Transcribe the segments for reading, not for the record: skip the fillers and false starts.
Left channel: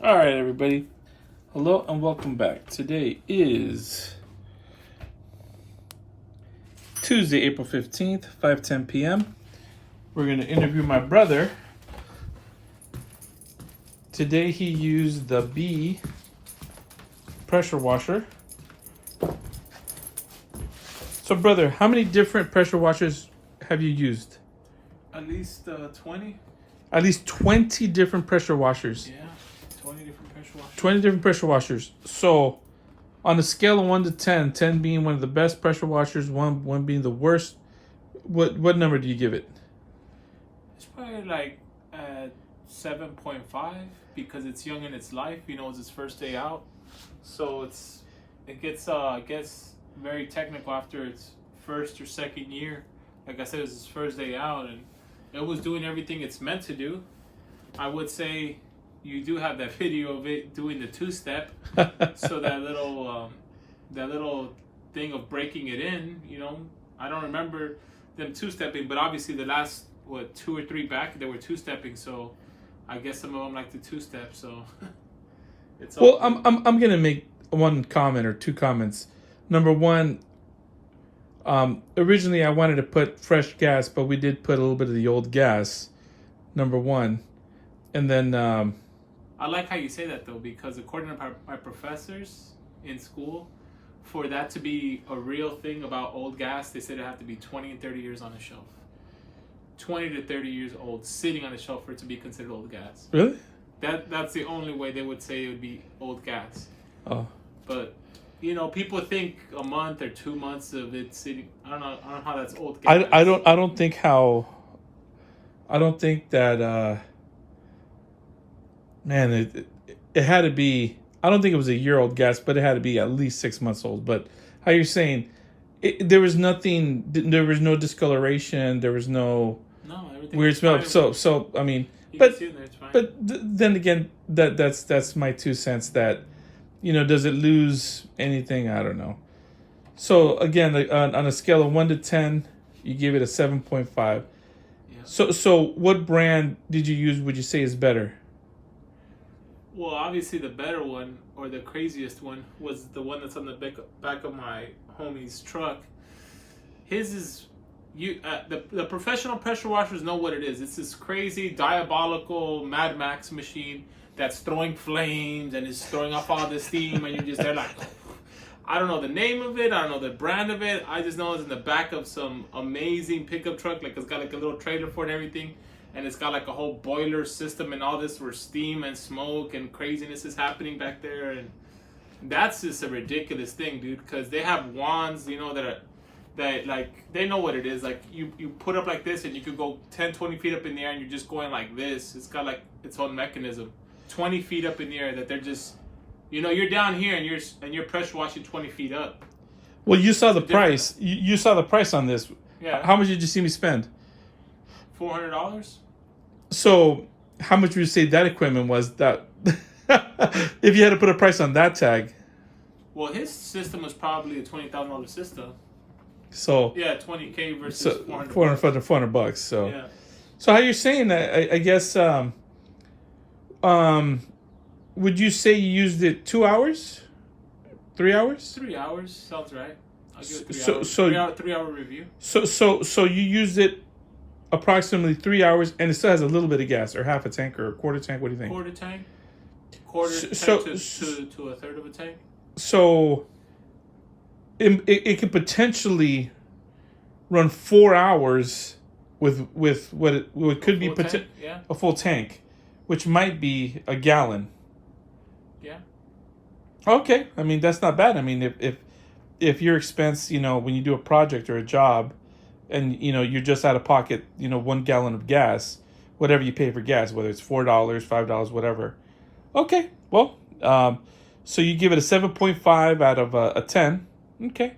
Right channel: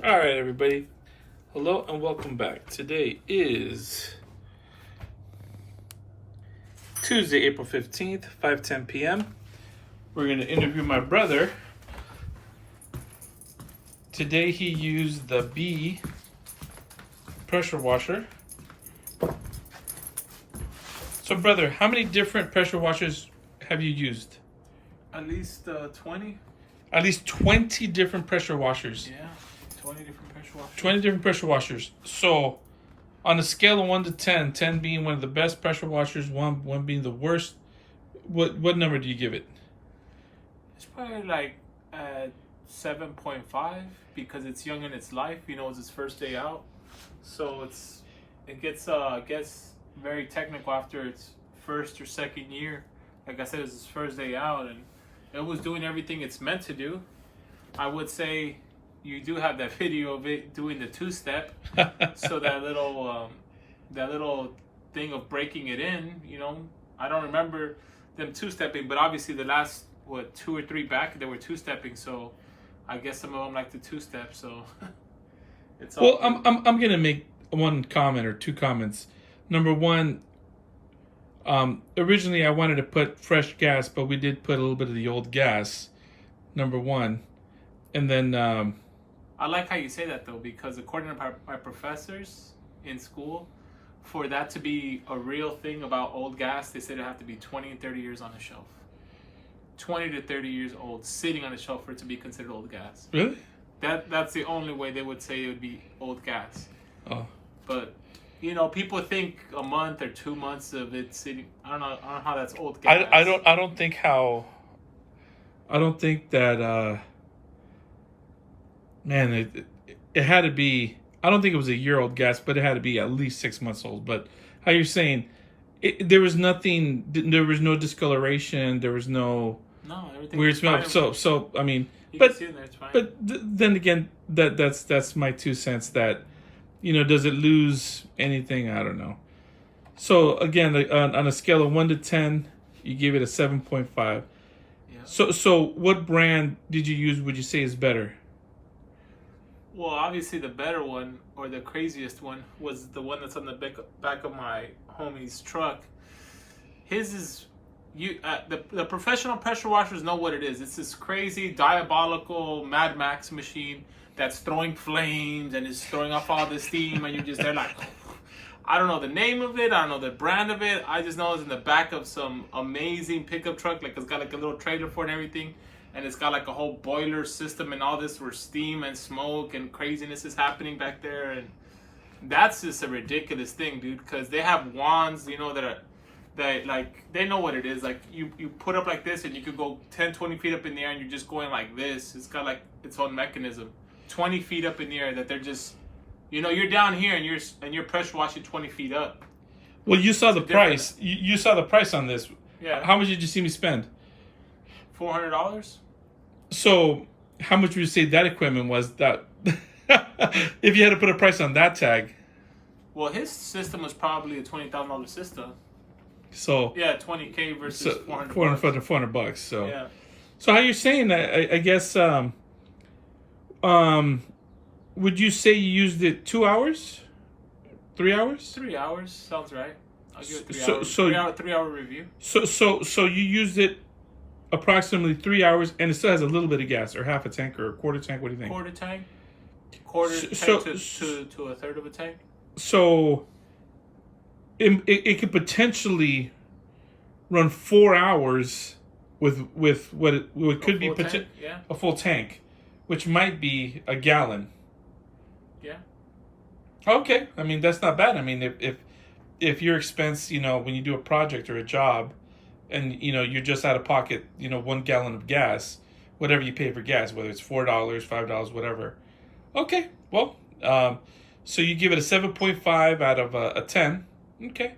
All right, everybody. Hello and welcome back. Today is Tuesday, April 15th, 5:10 p.m. We're going to interview my brother. Today he used the B pressure washer. So, brother, how many different pressure washers have you used? At least 20. At least 20 different pressure washers. Yeah, 20 different pressure washers. 20 different pressure washers. So, on a scale of 1 to 10, 10 being one of the best pressure washers, one being the worst, what number do you give it? It's probably like 7.5 because it's young in its life. You know, it's its first day out, so it gets very technical after its first or second year. Like I said, it's its first day out, and it was doing everything it's meant to do. I would say you do have that video of it doing the two-step. So that little thing of breaking it in, you know, I don't remember them two-stepping, but obviously the last 2 or 3 back they were two-stepping. So I guess some of them like the two-step. So it's all Well, I'm gonna make one comment or two comments. Number one, originally I wanted to put fresh gas, but we did put a little bit of the old gas. Number one, and then I like how you say that though, because according to my professors in school, for that to be a real thing about old gas, they said it have to be 20 and 30 years on the shelf. 20 to 30 years old, sitting on the shelf for it to be considered old gas. Really? That's the only way they would say it would be old gas. Oh. But you know, people think a month or 2 months of it sitting. I don't know how that's old gas. I don't think that man, it had to be. I don't think it was a year old gas, but it had to be at least 6 months old. But how you're saying, there was nothing. There was no discoloration. There was no everything weird was smell. fine. So I mean, You but can see it there, it's fine. then again, that's my 2 cents. That, you know, does it lose anything? I don't know. So again, on a scale of 1 to 10, you give it a 7.5. Yeah. So what brand did you use? Would you say is better? Well, obviously the better one, or the craziest one, was the one that's on the back of my homie's truck. His is the professional pressure washers know what it is. It's this crazy, diabolical Mad Max machine that's throwing flames and is throwing off all the steam, and you're just there like, I don't know the name of it, I don't know the brand of it. I just know it's in the back of some amazing pickup truck. Like, it's got like a little trailer for it and everything. And it's got like a whole boiler system and all this where steam and smoke and craziness is happening back there. And that's just a ridiculous thing, dude, because they have wands, you know, that they know what it is. Like, you put up like this and you could go 10, 20 feet up in the air and you're just going like this. It's got like its own mechanism. 20 feet up in the air that they're just, you know, you're down here and you're pressure washing 20 feet up. Well, you saw the price. You saw the price on this. Yeah. How much did you see me spend? $400? So, how much would you say that equipment was? That if you had to put a price on that tag? Well, his system was probably a $20,000 system. So yeah, $20K versus $400. $400. So yeah. So how you're saying that? I guess. Would you say you used it 2 hours? 3 hours? 3 hours sounds right. I'll give it 3 So- hours. so- 3 hour review. So you used it approximately 3 hours, and it still has a little bit of gas, or half a tank, or a quarter tank. What do you think? Quarter tank. Quarter So- tank to a third of a tank. So it could potentially run 4 hours with what could be Yeah. a full tank, which might be a gallon. Yeah. Okay, I mean, that's not bad. I mean, if your expense, you know, when you do a project or a job, and you know you're just out of pocket, you know, 1 gallon of gas, whatever you pay for gas, whether it's $4, $5, whatever. Okay, well, so you give it a 7.5 out of a 10. Okay,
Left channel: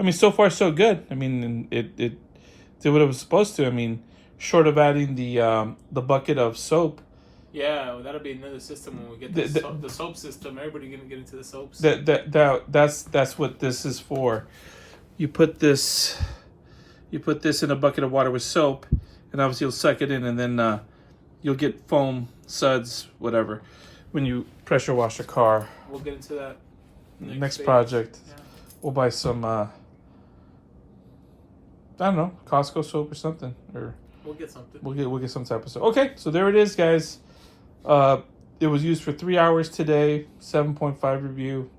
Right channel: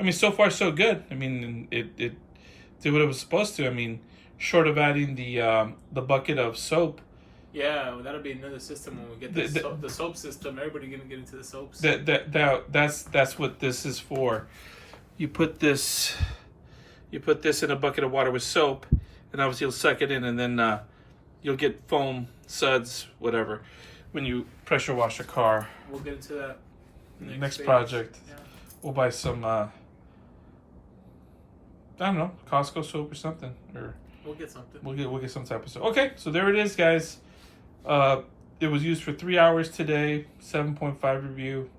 I mean, so far so good. I mean, it did what it was supposed to. I mean, short of adding the bucket of soap. Yeah, well, that'll be another system when we get the soap system. Everybody gonna get into the soaps. That's what this is for. You put this in a bucket of water with soap, and obviously you'll suck it in, and then you'll get foam, suds, whatever. when you pressure wash a car. We'll get into that Next phase. project. Yeah. We'll buy some. I don't know, Costco soap or something, or We'll get something. we'll get some type of soap. Okay, so there it is, guys. It was used for 3 hours today. 7.5 review.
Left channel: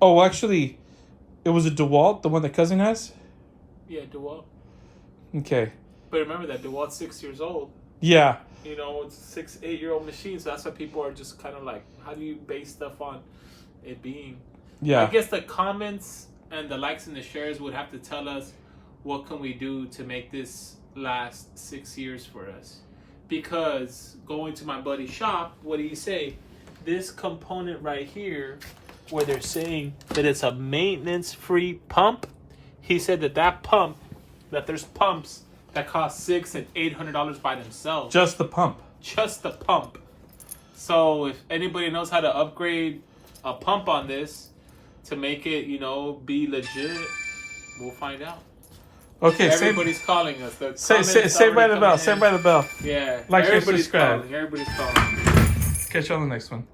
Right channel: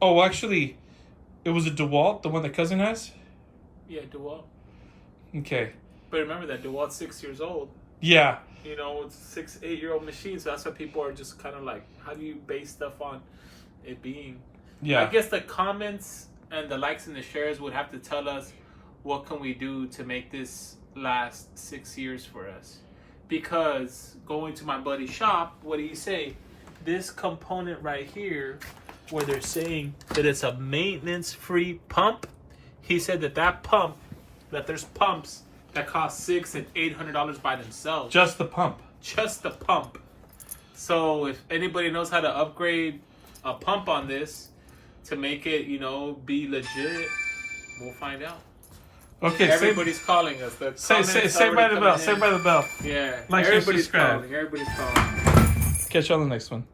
Oh, actually, it was a DeWalt, the one that cousin has. Yeah, DeWalt. Okay. But remember that DeWalt's 6 years old. Yeah. You know, it's 6, 8 year old machine. So that's why people are just kind of like, how do you base stuff on it being? Yeah. I guess the comments and the likes and the shares would have to tell us what can we do to make this last 6 years for us. Because going to my buddy's shop, what do you say? This component right here, where they're saying that it's a maintenance-free pump, he said that pump, that there's pumps that cost $600 and $800 by themselves. Just the pump. Just the pump. So if anybody knows how to upgrade a pump on this to make it, you know, be legit, we'll find out. Okay. Everybody's calling us. The Say comments by already the coming bell. in. Say by the bell. Yeah. Like, share, Everybody's subscribe. calling. Everybody's calling. Catch you on the next one.